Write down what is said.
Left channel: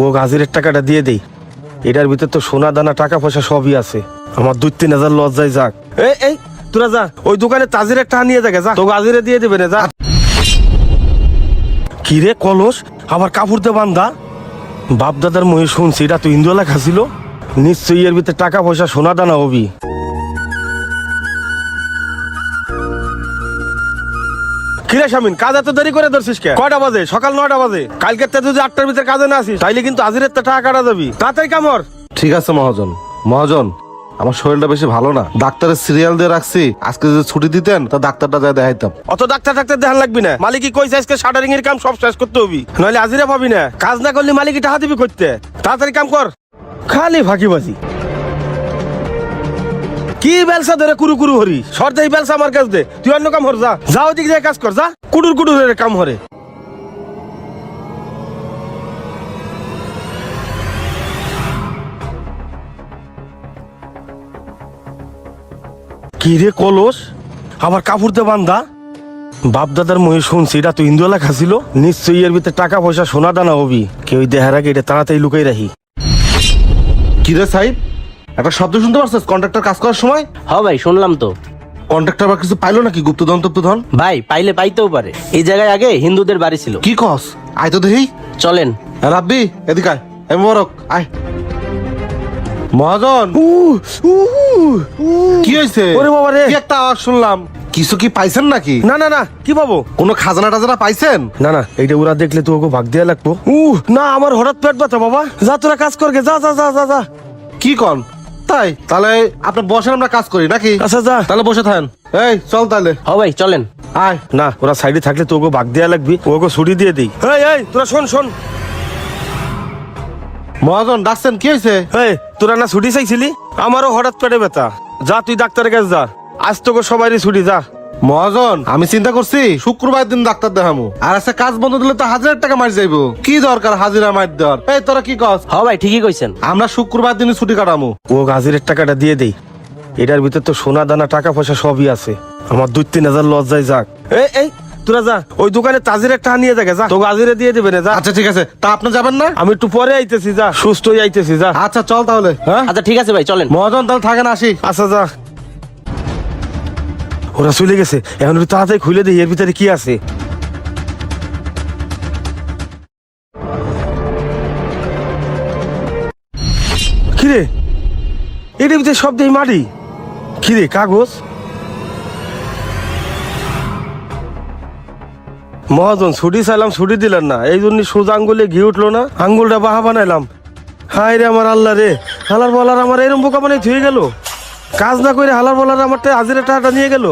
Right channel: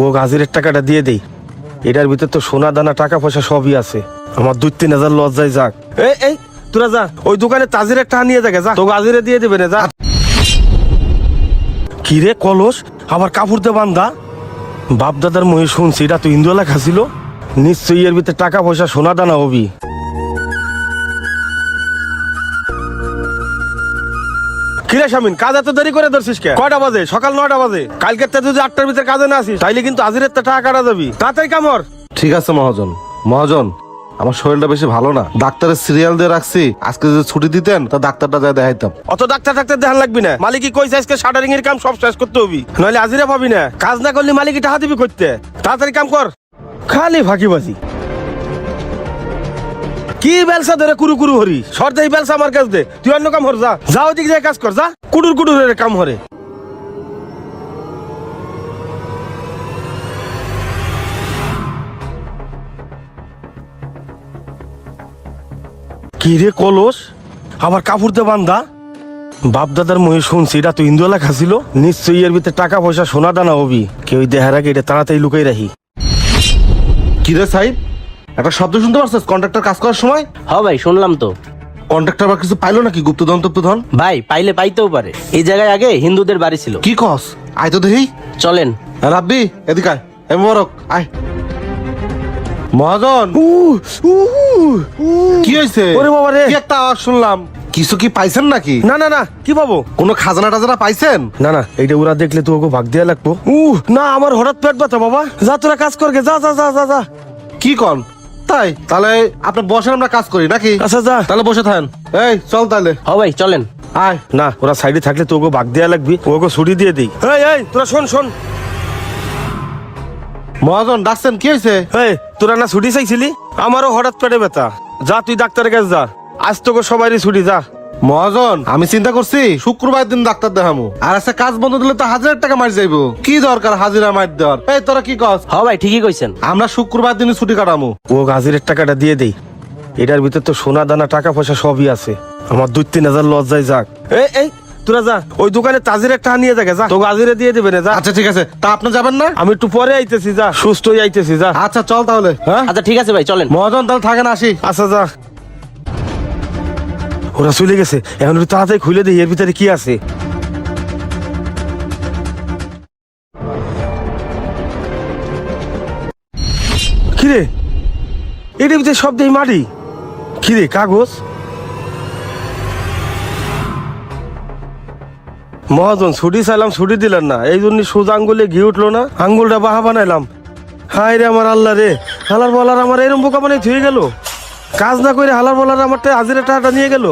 ও গাজরের টাকাটা দিয়ে দিই। এটার ভিতর তো সোনা দানা টাকা পয়সা সবই আছে। আমার 2-3 হাজার লজ্জায় যাক। এই তোরা যা ওই দোকানে তাজিরের টাকা নিয়ে যাকে, যা তো গাজরে দিয়ে দেবে না, যা। কি রে কলস, আমার কাপড় দিয়ে বান্ধা। বাপ দাদার মহিষ শুনছি এটা তো হিন্দু লেখা ছিল, নিশ্চয়ই এর ভিতরে টাকা পয়সা সোনা দানা হবি। কিরে শামিন, কাজ এত দেরি করে ধরছিস কে? কয়টা বাজে? সকাল 9টা বাজে। কালকে যদি 8টার ভিতরে কাজে না আসিস তাইলে কিন্তু হাজিরের টাকা কাটা যাবি। তাড়াতাড়ি কামড়। ঠিক আছে মহাজন। মহাজন, আমার শরীরটা বেশি ভালো না, ডাক্তারের সিরিয়াল দিয়ে রাখছি, আজকে যদি ছুটি দিতেন তা ডাক্তারটা যা দেখাইতাম। অত ডাক্তার দেখান লাগবি না, মালিকই কইছে আজকে শাটারিং এর কাম সব শেষ করতে হবি, নইলে হাজিরা পাবি না। কাজ না করলে মালিকই টাকা দিবি করতে। তাড়াতাড়ি কাম কর, খালি ফাঁকিবাজি। কি বেলসা ধরে কুরু কুরু হরি, সরকারি বেলসা আমার কাছ দে। তুই অন্য কাম হর, যা যাও দিক দিয়ে কাজ কর, যা কুরু কুরু হয় কাম হরে। কি রে কলস, আমার কাপড় দিয়ে বান্ধা। বাপ দাদার মহিষ শুনছি এটা তো হিন্দু লেখা ছিল, নিশ্চয়ই এর ভিতরে টাকা পয়সা সোনা দানা হবি। কেউ দেখার আগে এটা তাড়াতাড়ি লুকাই রাখি। কি রে সাহেব, একটা শব্দ শুনতে পারছিস কন্ট্রাক্টর কাজ করার সময়? হ্যাঁ ভাই, শুনলাম তো। কন্ট্রাক্টর কিছু পাইলো নাকি? গুপ্তধন টুপ্তধন? ভাই পাইলে পাইতেও পারে, এই জায়গায় আগে হিন্দুদের বাড়ি ছিল। কি কস? আয় তো দেখি। চলেন। রাব্বি এদিকে আয়, এ মোরক আয়। মহাজন, কি হয়েছে? ওরে বাবা রে, কি একটা আওয়াজ শুনলাম, কিছু কি পাইছেন নাকি? না কি পাবো? কোনো খাজানা টাজানা পাইছেন? না এইটা ওরা দেখলে তো ওকে ভাগ দেওয়া লাগতো। না, আমার হঠাৎ পেট ব্যথা বাবা। যা তোরা কাজ করবে, যা যা যা যা যা। কি কন? তাই তাহলে আপনি বসেন, আমরা কাজ করি নাকি? আচ্ছা যা, তাহলে বসে থাকেন। এই চল তাহলে। হ্যাঁ ভাই চলেন। আয়। না ওরা সাইডে থাকলে তো ওকে ভাগ দেওয়া লাগবে, ওকে ছুটি দিয়ে দিই। এই তোরা শোন। মহাজন ডাকছেন, কি হয়েছে? হ্যাঁ, তোরা না ছুটি চাইছিলি? আমারও হঠাৎ পেটে ব্যথা। যা তুই ডাক্তারের কাছে যা, আজ তোকে সবারই ছুটি, যা। মহাজন, আমি চিন্তা করছি শুক্রবার দিন ডাক্তার দেখাবো। আর আজকে কাজ বন্ধ দিলে তো 1000 টাকা মার যাইবো। কি দরকার হাজিরা মার দেওয়ার? এই তোরা কি কস? হ্যাঁ ভাই ঠিকই কইছেন। আমরা শুক্রবার দিনে ছুটি কাটাবো। ও হাজিরের টাকাটা দিয়ে দিই। এটার ভিতর তো সোনা দানা টাকা পয়সা সবই আছে। আমার 2-3 হাজার লজ্জায় যাক। এই তোরা যা ওই দোকানে তাজিরের টাকা নিয়ে যাকে, যা তো হাজিরে দিয়ে দেবে না, যা। আচ্ছা ঠিক আছে, তা আপনি যাবেন না? আমি একটু পরে আইতেছি, যা সুস্থ হয়ে আইতেছি, যা। আচ্ছা চল তাহলে। হ্যাঁ আচ্ছা ঠিক আছে ভাই চলেন। মহাজন তাহলে থাকেন, আসি। আচ্ছা যা। ওরা চলে গেছে, এখন তাড়াতাড়ি খুলে দিই এর ভিতরে কি আছে। কিরে, এটার ভিতরে সব দেয় মাটি। কিরে, কাগজ? মহাজন ছুটি চাইলাম, ছুটি দিলেন না, এই জন্য সোজা আঙ্গুলে ঘি উঠলো না, আঙ্গুলটা বাহা বানাইলাম। হাই রে আমার আল্লাহ রে, হালার বলার আমার এরম বোকা বানিয়ে ধুয়ে গেল। কাজ না করে হালার বলার আমার হাজিরা টাকাটা নিয়ে গেল।